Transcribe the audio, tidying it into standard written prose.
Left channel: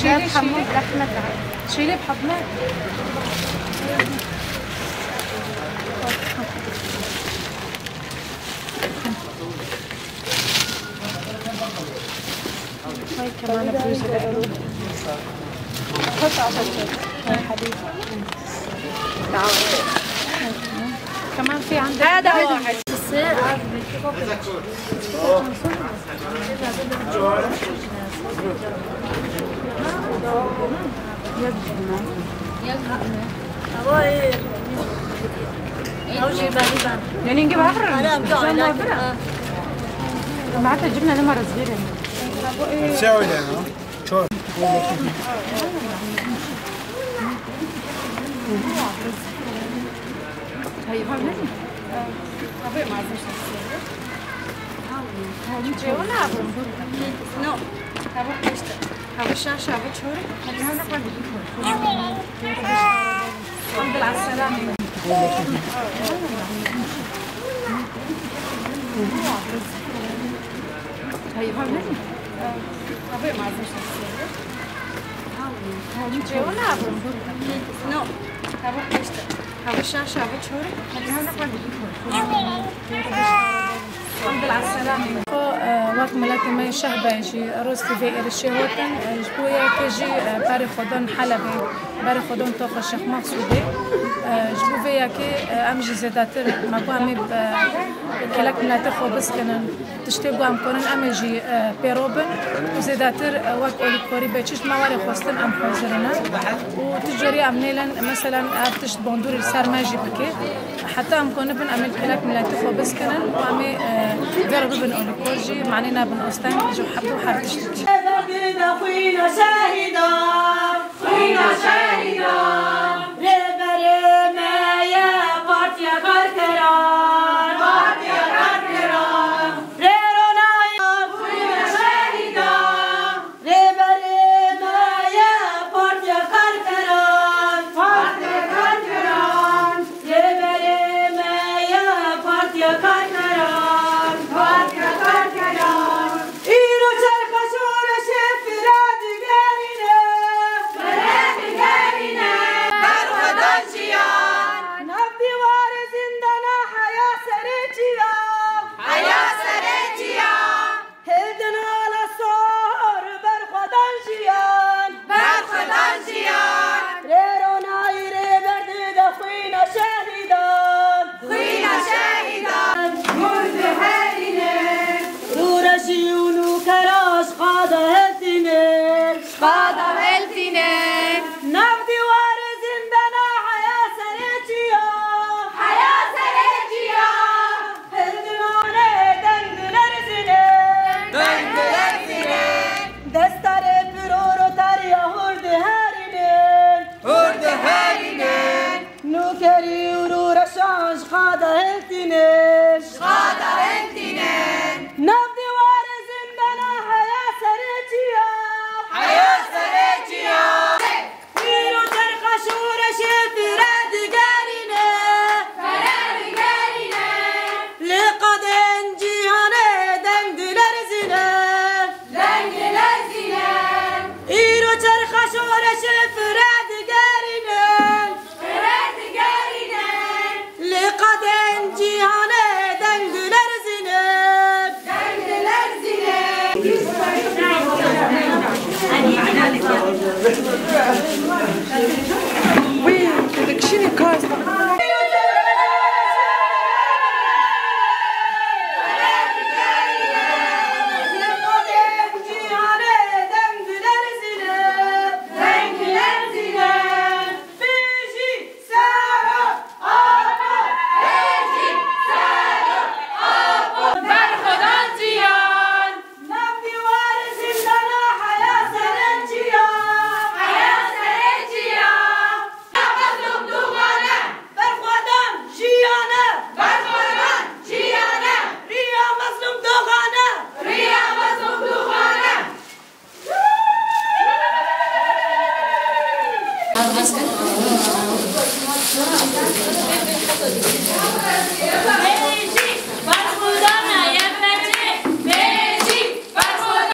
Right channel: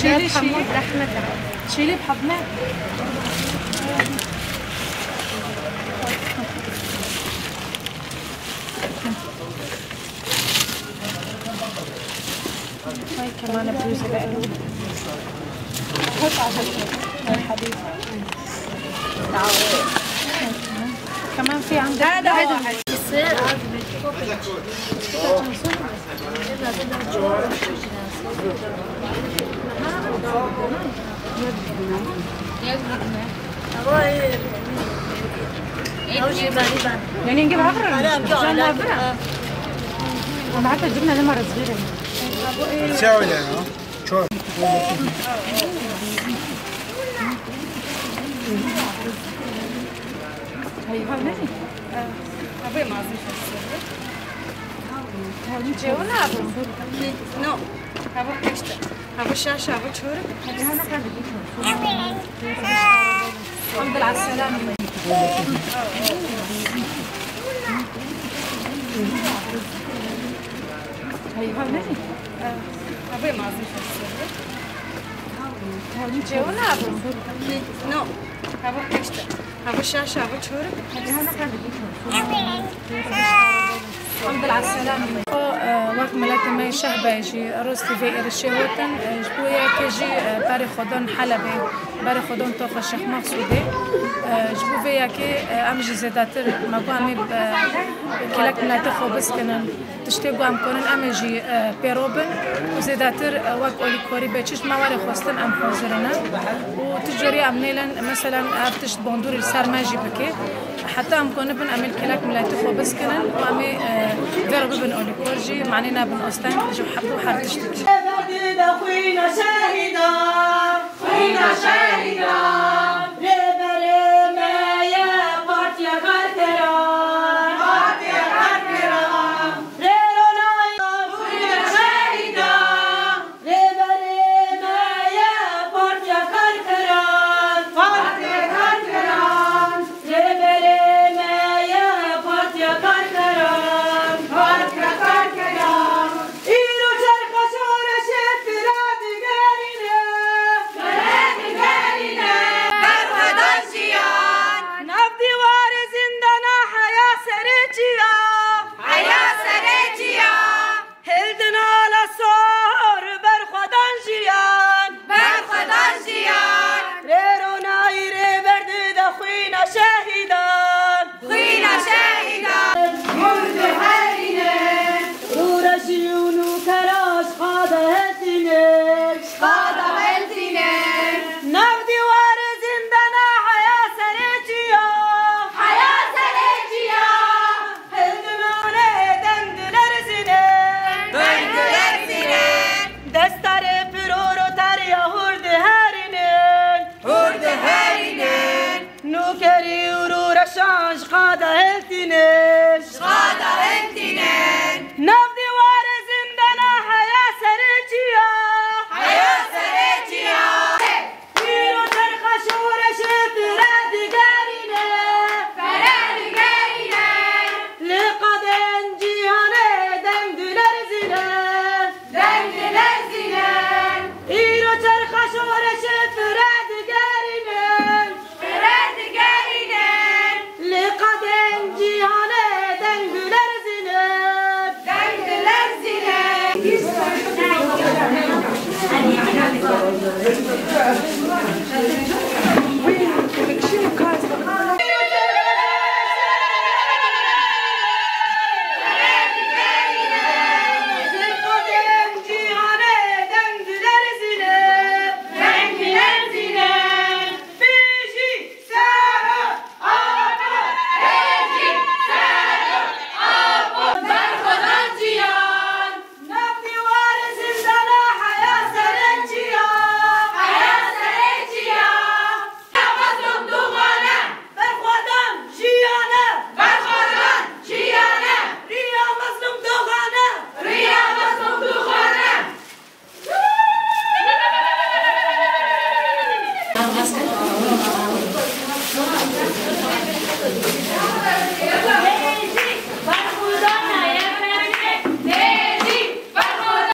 شيلي حمود احمد شيلي بحضنك. هاي كمان بلوزة لإله. حط عشان هاي حبيبي. كمان في عندك هذا واحد. السير عارف بالكوكيت. يعني نجيب عفرة؟ أنا بعتها جبنا لمرة صغيرة. تساوي لنا شو؟ هي فهمني؟ أبي ما أزيد السيرة. هذي جوانا أبو. نو. أبو إيشتا. أبو شاشة أبو شورك. هذا حاجة بيكون. الحمد لله على السلامة. هي فهمني؟ أبي ما أزيد السيرة. هذي جوانا أبو. نو. أبو إيشتا. أبو شاشة أبو شورك. هذا حاجة بيكون. الحمد لله على السلامة. وقت ملاتي ماي شهبة يجي روز في إرشي هوتن جبويا كيجي باري خدون حلبي باري خدون طوخ الشيخ مقصودي جبو فيا كي أمجي زيداتر ما بو أمي كلاك ملاتي خوبس كنن تشتيقو أم كونن أمجي بيروبن وزيداتر وقت أولي كوري بيتشش ما واري خوستن أم حوزرنا وتجري أمنيلن مثلا أفتشت بوندوري السار ماجي بكي حتى أم كون بن أمل كلاك ملاتي خوبس كنن وأمي جرب بن أولي كورجي معنينا بن أستان جو حبو حار تشتكي. خوينا شاهدا خوينا شاهدا لبري ما يا بارتيا غرتران بارتيا غرتران ليرونا يا خوينا شاهدا لبري ما يا بارتيا غرتران بارتيا غرتران لبري ما يا بارتيا غرتران بارتيا غرتران إيرو شركة شورة شفرات قالينا فرات قالينا برودان جيان نبدي وارز عندنا حياة سريجيا حياة سريجيا هلدنا على صور برخدان جيان برخدان جيان ريرونا يري بردي دخوينا شاهدان خوينا شاهدان مرد هالينا رورشي ونوكراش قادة هلتينا قادة هلتينا نبدي وارز عندنا حياة سريجيا حياة سريجيا هلدنا دندلرزنا دندلرزنا دستار برورو تريا هرد هارينا هرد هارينا نوكري ورورشاش قادة